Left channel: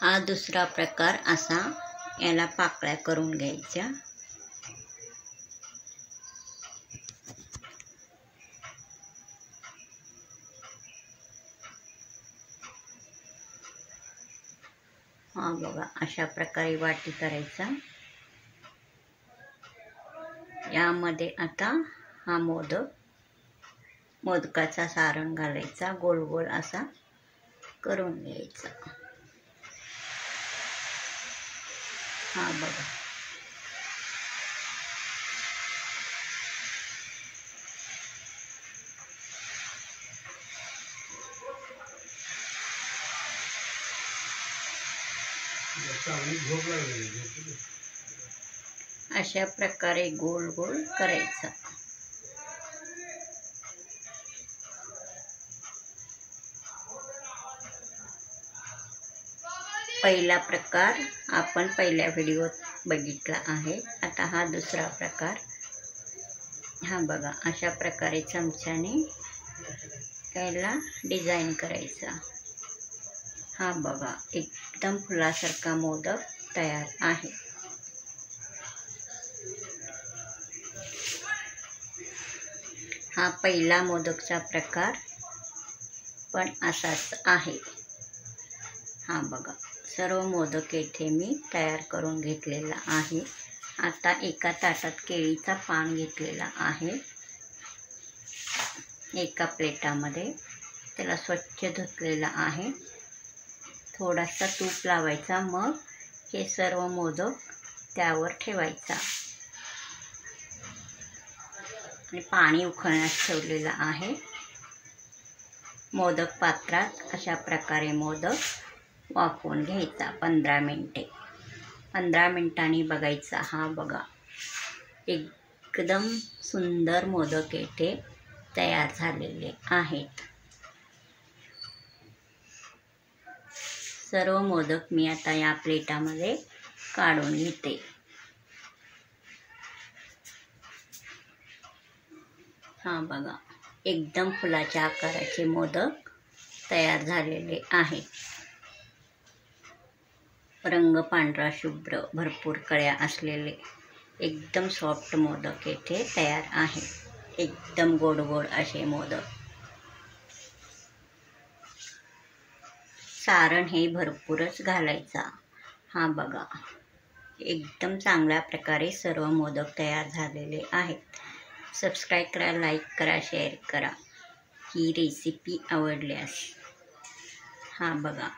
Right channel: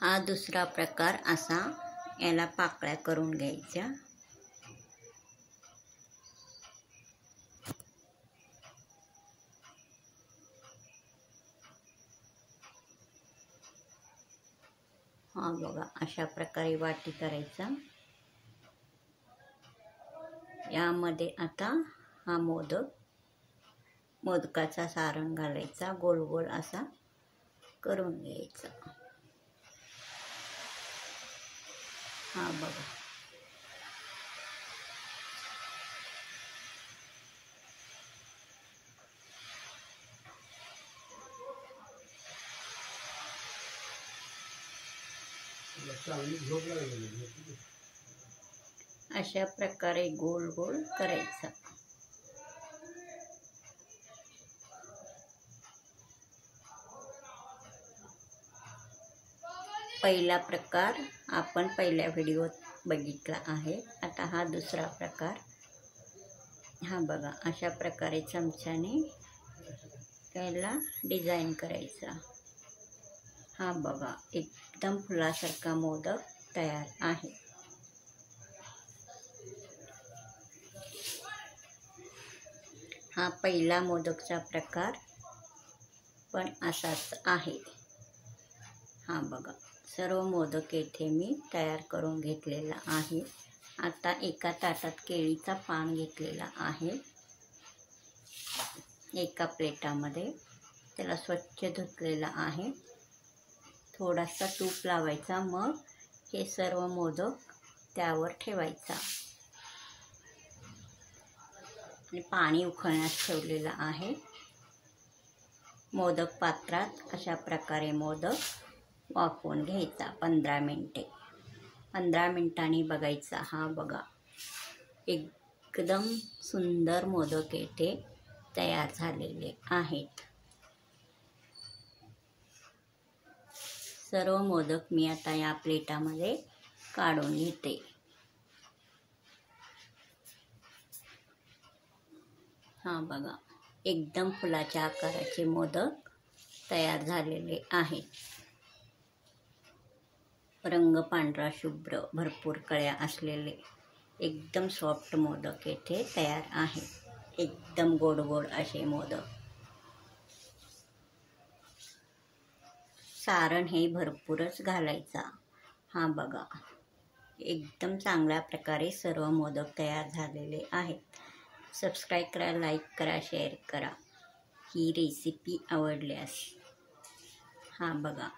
हा दुसरा प्रकार असा याला पाकळ्या करून घ्यायच्या। हा बघा, अशा प्रकारे वाटी करायचा। यामध्ये आता हा मोदकाचा सारण घालायचा, गोल गोल असा करून घ्यायचा। हा बघा, अशा प्रकारे गोल गोल करायचा। पहिला प्रकार आपण पहिल्या व्हिडिओत बघितला आहे। आता हा दुसरा प्रकार। हा बघा, अशा प्रकारे चमच्याने त्याला डिझाईन करायचा। हा बघा, एकदम फुलासारखा मोदक तयार आहे। हा पहिला मोदकचा प्रकार पण असाच आहे। हा बघा, सर्व मोदक येथे मी तयार करून घेतलेला आहे। आता एका ताटात केळीचा पान घेतलेला आहे। एका प्लेटामध्ये त्याला स्वच्छ धुतलेला आहे। थोडासा तूप लावायचा, मग हे सर्व मोदक त्यावर ठेवायचा आणि पाणी उकळण्यास ठेवलेलं आहे। मोदक पात्रात अशा प्रकारे मोदक वाफवून घ्यायचा 15 मिनिटे। 15 मिनिटांनी बघायचा। हा बघा, एकदम सुंदर मोदक येथे तयार झालेले आहेत। सर्व मोदक मी आता या प्लेटामध्ये काढून घेते। हा बघा, एकदम फुलाच्या आकाराचे मोदक तयार झालेले आहेत। रंग पांढरा शुभ्र, भरपूर कळ्या असलेले एकदम सॉफ्ट मोदक येथे तयार आहे। एकदम गोड गोड असे मोदक। सारण हे भरपूरच घालायचा। हा बघा, एकदम चांगल्या प्रकारे सर्व मोदक तयार झालेले आहेत। सबस्क्राईब करा, लाईक करा, शेअर करा ही रेसिपी आवडल्यास। हा बघा,